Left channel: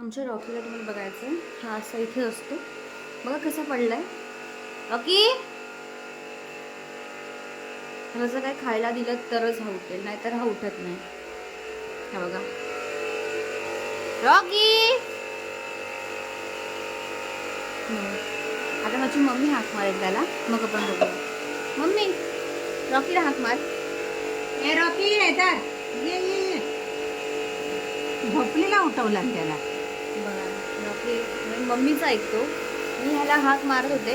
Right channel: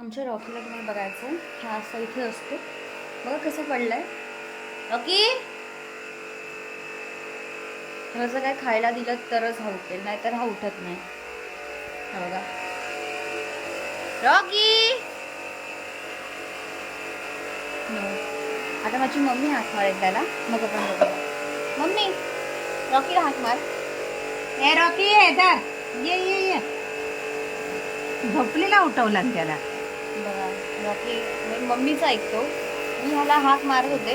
आमच्या रॉकीला तुम्हाला बघायचं, हा असा इथे असतो बघा कसं पडलंय. रॉकी ह्याचं काय खायला दिलं तरच हा उठेल, नाहीतर हा उठत नाही. हा बघा रॉकी. आता माझी मम्मी हाक मारेल त्याला, मग आपण बघूया. मम्मी रॉकीला हाक मार. ए रॉकी येतात, ये ये ये. झोपलेला उठवला त्याला. बघा रॉकी मम्मीचा ऐकतो. मी ह्याला हाक मारत होते